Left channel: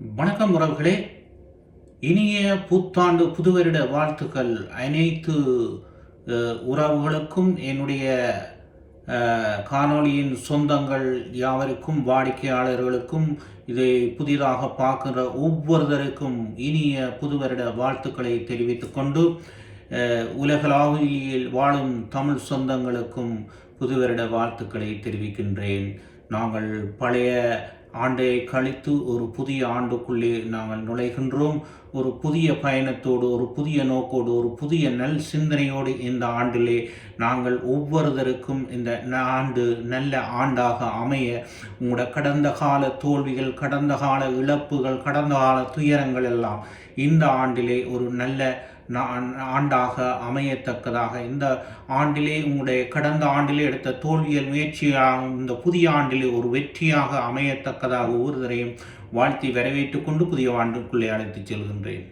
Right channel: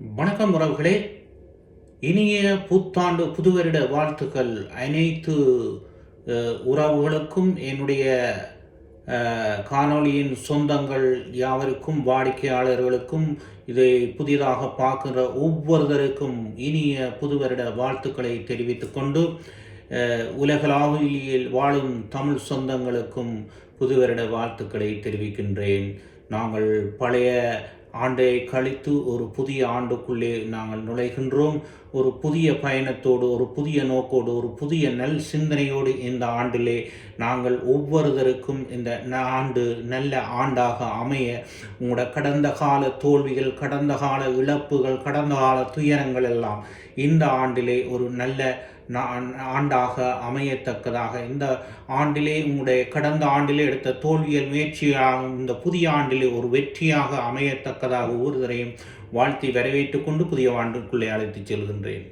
வணக்கம் உறவுகளே. இனிய புத்தாண்டு புதுவருட வாழ்த்துக்கள் அனைத்து உறவுகளுக்கும், என்னுடைய காணொளியின் சொந்தங்கள் யாவருக்கும், வாடிக்கையாளர்களுக்கும், இதை புதிதாக பார்க்கிற ஒவ்வொருவருக்கும் இனிய புதுவருட வாழ்த்துக்களை தெரிவித்துக் கொண்டு, உலகளாவியில் வாழும் தமிழ் சொந்தங்களுக்கும் புதுவருட வாழ்த்துக்களை தெரிவிக்கின்றேன். நாங்கள் பழைய ஆண்டை கழித்து ஒரு புதிய ஆண்டுக்குள்ளே நாங்கள் நுழைகின்றோம். ஒரு புதிய பயணத்தோடு, ஒரு புதிய நோக்கோடு, ஒரு புதிய நல் சிந்தனையோடு இந்த ஆண்டிலே நாங்கள் ஒவ்வொருவருக்கும் இந்த ஆண்டு நல்ல ஆண்டாக அமைய, உங்களோட கடந்த கால தோல்விகள், கடந்த கால இழப்புகள், கடந்த கால துயரங்கள் எல்லாம் இந்த ஆண்டிலே ஒரு நல்ல ஆண்டாக அமையத்தக்கதாக, இந்த ஆண்டிலே உங்களுடைய கடந்த ஆண்டிலே எடுத்த தோல்வியல் முயற்சியாக இந்த புதிய ஆண்டிலே ஒரு வெற்றியாக அமையத்தக்கதாக ஒவ்வொருவரையும் வாழ்த்தி வரவேற்றுக் கொண்டு புதிய ஆண்டுக்குள்ளே அழைத்துச் செல்கின்றேன்.